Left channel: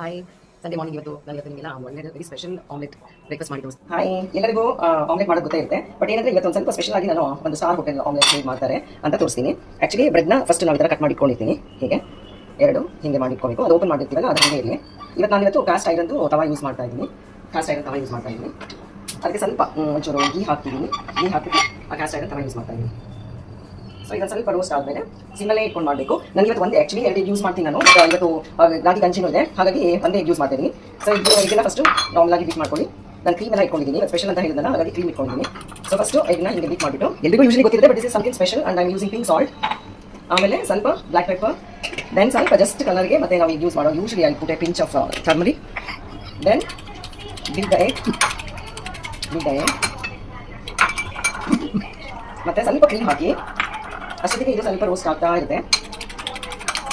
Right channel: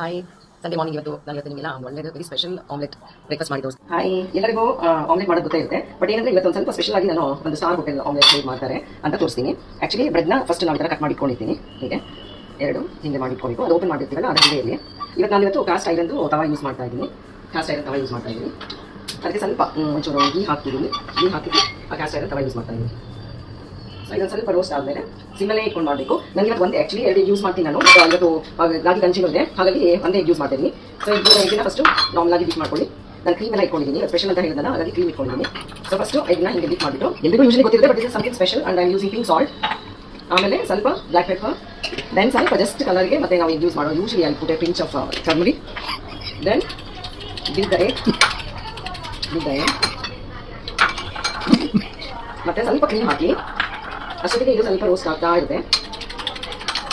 Hi Sunday morning ನಾನು ನಿಮಗೆಲ್ಲ ಒಳ್ಳೆಯದು ವೆರಿ ಸ್ಪೆಷಲ್ ಆಮ್ಲೆಟ್ ಬ್ರೇಕ್ಫಾಸ್ಟ್ ಮಾಡಿ ತೋರಿಸ್ತೀನಿ. ಹಾಯ್ ಎಲ್ಲರಿಗೂ ಆಮ್ಲೆಟ್ ಮಾಡೋದು ಗೊತ್ತೇ ಇರುತ್ತೆ. ಬಟ್ ಏನಂದ್ರೆ ಇವತ್ತು ಒಂದು ಸ್ವಲ್ಪ ಸ್ಪೆಷಲ್ ಆಗಿ ನಾನು ಒಂದು ಸ್ಟಾರ್ ಹೋಟೆಲ್ ಆಮ್ಲೆಟ್ ಹೇಗೆ ಮಾಡ್ತಾರೆ ಅಂತ ತೋರಿಸ್ತೀನಿ. ಆ್ಯಕ್ಚುಲಿ ಬ್ರೆಡ್ನ ಫಸ್ಟ್ ನಾವು ಈ ಥರ ಕಟ್ ಮಾಡಿಟ್ಕೊಂಡಿದ್ದೀನಿ. ಹೀಗೆ ಎರಡು ಹಿಂಗೆ ಮಾಡಿಟ್ಕೊಬೇಕು. ಅದು ಓಪನ್ ಮಾಡಿರ್ತೀವಲ್ಲ ಅದು ಹಾಗೆ ಇರಲಿ. ಇವತ್ತು ನಾನು ಇವತ್ತು ಕಾಸ್ಟ್ ಐರನ್ದು ತವಾ ಯೂಸ್ ಮಾಡ್ತಾ ಇದ್ದೀನಿ. ಕಾಸ್ಟ್ ಐರನ್ ತವಾ ಯೂಸ್ ಮಾಡ್ತಾ ಇದ್ದೀನಿ. ಅದಕ್ಕೆ ಸ್ವಲ್ಪ ಒಂಚೂರು ಗೀ ಹಾಕ್ತಿದ್ದೀನಿ. ಗೀ ಹಾಕಿ ಆ ಕಾಸ್ಟ್ ಐರನ್ ತವಾ ಯೂಸ್ ಮಾಡ್ತಾ ಇದ್ದೀನಿ. ಸೊ ಇದೊಂದು ಸ್ವಲ್ಪ ರೋಸ್ಟ್ ಆದಮೇಲೆ ಸಿಮ್ಮಲ್ಲೇ ಇಟ್ಕೊಂಡು ಮಾಡಬೇಕು. ನನಗೆ ಇವತ್ತು ಒಂದು ಆ್ಯಕ್ಚುಲಿ 2 ಯೂಸ್ ಮಾಡ್ತೀನಿ ನಾನು. ಇವತ್ತು ರಾಗಿ ಗಂಜಿ ಮುದ್ದೆ, ಹಾಗಾಗಿ ಒಂದೇ ಯೂಸ್ ಮಾಡ್ತೀನಿ. ಸೊ ಇದನ್ನ ಫಸ್ಟು ನಾರ್ಮಲ್ ಆಗಿ ಬೀಟ್ ಮಾಡ್ಕೊಳ್ಳಿ. ನಾನು ಕ್ರೀಮ್ ಎಲ್ಲ ಇಟ್ಕೊಂಡಿದ್ದೀನಿ. ಸ್ಪೆಷಲ್ ಅಂತ ಹೇಳಿದ್ರೆ ಹಾಗಾಗಿ ಕ್ರೀಮ್ ಇಟ್ಕೊಂಡಿದ್ದೀನಿ. ಸೊ ಫಸ್ಟು ಇದನ್ನ ಹಿಂಗೆ ಬೀಟ್ ಮಾಡಿಬಿಟ್ಟು ಎಲ್ಲಿಗೂ ಯೂಶಲಿ ಗೊತ್ತಿರುತ್ತೆ, but this is something special and I am using pink salt. ಆಮೇಲೆ ಸ್ವಲ್ಪ ಬ್ಲ್ಯಾಕ್ ಪೆಪ್ಪರ್, ದೆನ್ ಸ್ವಲ್ಪ ಜಸ್ಟ್ ಕಲರ್ಗೆ ಮತ್ತೆ ನಾವು ಯೂಸ್ ಮಾಡೋ usually I put a pinch of turmeric, then beat the egg ಮತ್ತೆ ಸ್ವಲ್ಪ ಕ್ರೀಮ್ ಹಾಕಿ ಅಷ್ಟೊತ್ತಿಗೆ ಇದು ಸ್ವಲ್ಪ ರೋಸ್ಟ್ ಆಗ್ತಾ ಇರುತ್ತೆ.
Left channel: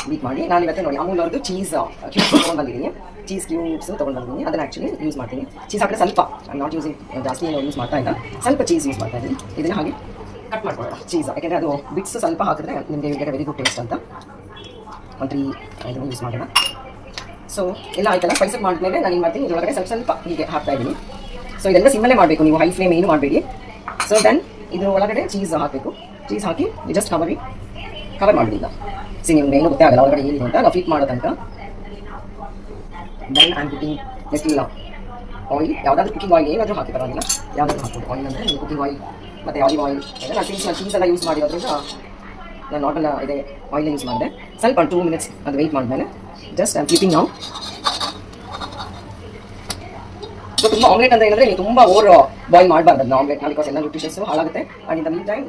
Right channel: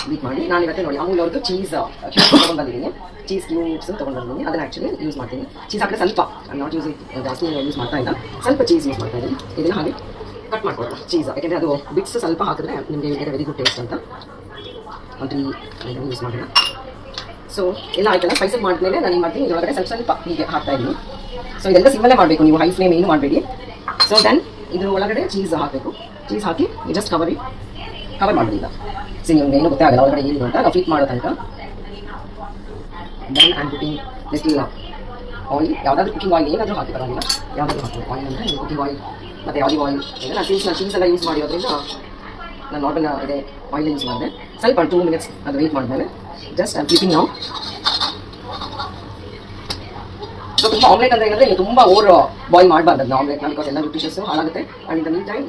ಬೀಟ್ ಮಾಡಿ ನಾನು ಇವತ್ತು ನೋಡಿ ಅಮೂಲ್ ಅವ್ರದ್ದು ಚೀಸ್ ಕ್ಯೂಬ್ಸ್ ತೊಗೊಂಡ್ಬಂದಿದ್ದೀನಿ. ಚೀಸ್ ಕ್ಯೂಬ್ಸ್ ತೊಗೊಂಡ್ಬಂದಿದ್ದೀನಿ. ಅದನ್ನು ಆ್ಯಕ್ಚುಲಿ ಯೂಸ್ ಮಾಡ್ತೀನಿ. ಚೀಸ್ ಹಾಕಿದ್ರೆ ಸ್ವಲ್ಪ ನಾಟ್ ಯೂಸ್ ಜಾಸ್ತಿ ಏನು ಯೂಸ್ ಮಾಡ್ತಾ ಇಲ್ಲ, ಸ್ವಲ್ಪ ಚೀಸ್ ಯೂಸ್ ಮಾಡ್ತಾ ಇದ್ದೀನಿ. ಇದನ್ನು ಹಾಗೆ ಕಟ್ ಮಾಡ್ಕೊಳ್ಳೋಣ ಚೀಸ್, ಯಾಕೆಂದರೆ ಅದು ಬಿಟ್ಸ್ ಸ್ವಲ್ಪ ಹಾಕಿದ್ರೆ ನಿಮಗೆ ಗೆಟ್ ವೆರಿ ಗುಡ್ ಟೇಸ್ಟ್ ಅಂತ. ಒಂದು ಇದನ್ನು ಯೂಸ್ ಮಾಡೋಣ. ಸೊ ಎಲ್ಲ ಆಯ್ತಲ್ಲ, ಸ್ಪೈಸಸ್ ಮಾಡಿದ್ಮೇಲೆ ನಾನು ಏನು ಮಾಡ್ತೀನಿ, ಇದರೊಳಗಡೆ ಸ್ವಲ್ಪ ಹೀಗೆ ಹಾಕ್ತಾ ಇದ್ದೀನಿ. ಸೊ ಇದೆಲ್ಲ ಸಿಮ್ಮಲ್ಲೇ ಮಾಡಬೇಕು, ನೀವು ಹೈ ಫ್ಲೇಮ್ ಏನು ಮಾಡಬೇಡಿ. ಸೊ ದೆನ್ ಇದ್ರ ಒಳಗಡೆ ಚೀಸ್ ಹಾಕಬೇಕು. ಚೀಸ್ ಹಾಕಿ ಜಸ್ಟ್ ಕವರ್ ಮಾಡಲಿಲ್ಲ. ಸಿ ನಿಮ್ಗೆ ಏನು ಗೊತ್ತೇ ಆಗಲ್ಲ ಒಳಗಡೆ ಏನಿದೆ ಅಂತ. ನಾವು ಫಿಟ್ ಮಾಡೋ ತನಕ then and putting little oil, ಯಾವುದಾದ್ರೂ ಕುಕಿಂಗ್ ಆಯಿಲ್ ಏನಾದರೂ ಹಾಕಿ ಬರೋದಿಲ್ಲ, ಯಾವುದಾದ್ರೂ ಹಾಕಿ ಆಯಿಲ್ ಅಂದರೆ ನೀವು ಕುಕಿಂಗ್ ಆಯಿಲ್ ಮತ್ತು ಆಲಿವ್ ಆಯಿಲ್. ಈಗ ನಾನು ಚೀಸ್ ಎಲ್ಲ ಯೂಸ್ ಮಾಡಿರೋದ್ರಿಂದ ನಾನು ನಾರ್ಮಲ್ ಇದೆ ಆಯಿಲ್ ಯೂಸ್ ಮಾಡಿದೆ. ಸ್ವಲ್ಪ 2 ಮಿನಿಟ್ಸ್ ಅದು ವೆಯ್ಟ್ ಮಾಡಿದ್ಮೇಲೆ ಜಸ್ಟ್ ಐ ಆಮ್ ಕೀಪಿಂಗ್ ನಾವು. ಸೊ ತುಂಬ ಆಮ್ಲೆಟ್ ಅಂತ ಹೇಳಿದ್ರೆ ನೀವು ತುಂಬ ಓವರ್ ಬಾಯ್ಲ್ ಮಾಡಬಾರ್ದು ಅದನ್ನ ಆಮ್ಲೆಟ್, ಬಿಕಾಸ್ ಎಲ್ಲ ನ್ಯೂಟ್ರಿಷನ್ಸು ಹಾಳಾಗುತ್ತೆ and in the mean time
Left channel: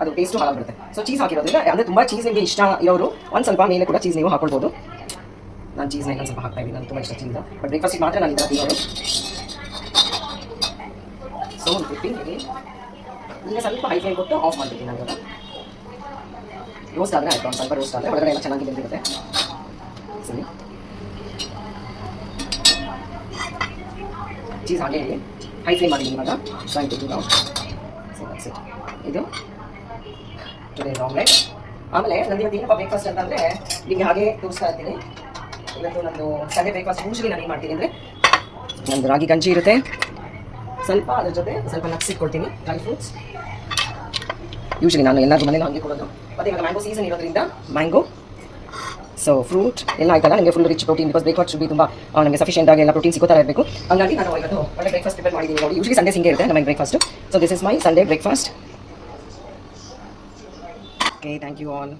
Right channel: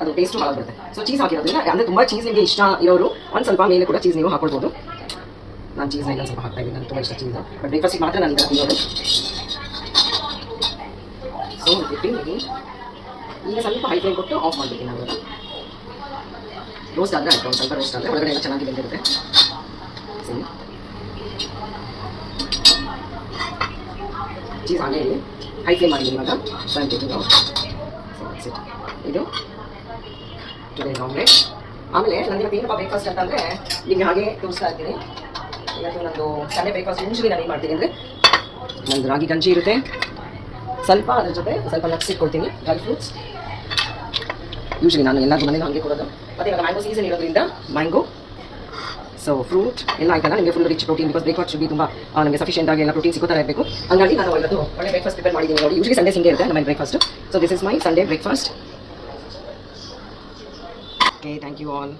ಅದು ಟೇಸ್ಟು ಹಾಳಾಗುತ್ತೆ. ಸೊ ಚೀಸ್ ಹಾಕಿರೋದ್ರಿಂದ ಅಂದರೆ ತುಂಬ ಚೀಸ್ ನಿಮಗೆ ಇಷ್ಟ ಇರೋರು ಒಂದು ಸ್ವಲ್ಪ ಮೇಲೆ ಕೂಡ ಚೀಸ್ ನೀವು ಹಾಕೊಳ್ಬೋದು. ನಾನು ಚೀಸ್ನ ಇಲ್ಲ ಸ್ವಲ್ಪ ಹಾಕ್ತಾ ಇದ್ದೀನಿ, ನನಗೆ ತುಂಬ ಇಷ್ಟ ಚೀಸ್. ಬಟ್ ಬ್ರೇಕ್ಫಾಸ್ಟಿಗೆ ಮಾತ್ರ ನಾನು ಇದನ್ನು ತಿನ್ನೋದು. ಸೊ ಈಗ ಸ್ವಲ್ಪ ಹೈ ಫ್ಲೇಮ್ ಕೊಟ್ಟು ಆಫ್ ಮಾಡ್ತೀನಿ ನಾನು. ಇವಾಗ ರೋಸ್ಟ್ ಆದರೆ ಆಯಿತು, ಒಂದು ಸ್ವಲ್ಪ ರೋಸ್ಟ್ ಆದರೆ ಒಳಗಡೆ ಎಲ್ಲ ಚೆನ್ನಾಗಿ ಬಂದಿರುತ್ತೆ. ಸರಿ, ಚೀಸ್ ಹಾಗೆ ಹೈ ಫ್ಲೇಮ್ ಮಾಡಿದ್ದೀನಿ ಇವಾಗ. Fry taking out. ಇದು ಟುಡೇ ಆಮ್ಲೆಟ್. ಆಮೇಲೆ ನನಗೆ ಇವತ್ತು ಏನಪ್ಪ ಬ್ರೇಕ್ಫಾಸ್ಟ್ ಅಂತಂದರೆ ನಿಮಗೆ ಹಾಗೆ ತೋರಿಸ್ತಾ ಇರ್ತೀನಿ. ಇವತ್ತು ನಂದು ಸಂಡೇ ಬ್ರೇಕ್ಫಾಸ್ಟ್ ಯೂಶಲಿ ನಾನು ಏನು ಮಾಡ್ತೀನಿ ಅಂದರೆ ನಂದು ರಾಗಿ ಗಂಜಿ ಇರುತ್ತೆ, ಸ್ವಲ್ಪ ಅದ್ರ ಜೊತೆ ಸ್ವಲ್ಪ ನಟ್ಸ್ ಇಟ್ಕೊಳ್ತೀನಿ, ಡ್ರೈ ಫ್ರೂಟ್ಸ್. ಯೂಶಲಿ ನಾನು ಎಲ್ಲರಿಗೂ ಮನೇಲಿ ಹಾಗೆ ಕೊಡೋದು. ಮತ್ತು ಇವಾಗ ಮ್ಯಾಂಗೋ ಸೀಸನ್ ಇರೋದ್ರಿಂದ ಮ್ಯಾಂಗೋ, ಸೊ ಫ್ರೂಟ್ ಎಲ್ಲ ಆಯ್ತಲ್ಲ, ನಿಮಗೆ full rich protein, because breakfast should be ತುಂಬ ನಮಗೆ ಸಫಿಷಿಯೆಂಟ್ ಆಗಿ ಎಲ್ಲ ಪ್ರೋಟೀನ್ ಸಿಗೋತಾ ಇರಬೇಕು. ಹಂಗಾಗಿ ನಾನು ಇವತ್ತು ಒಳ್ಳೆ ಬ್ರೇಕ್ಫಾಸ್ಟ್ ಪ್ರಿಪೇರ್ ಮಾಡಿದ್ದೀನಿ ನೋಡಿ. ಯೂಶಲಿ ಸಂಡೇ ಹಿಂಗೆ ಇರುತ್ತೆ ನಮ್ಮ breakfast. So this is my Sunday breakfast. Okay, thank you all.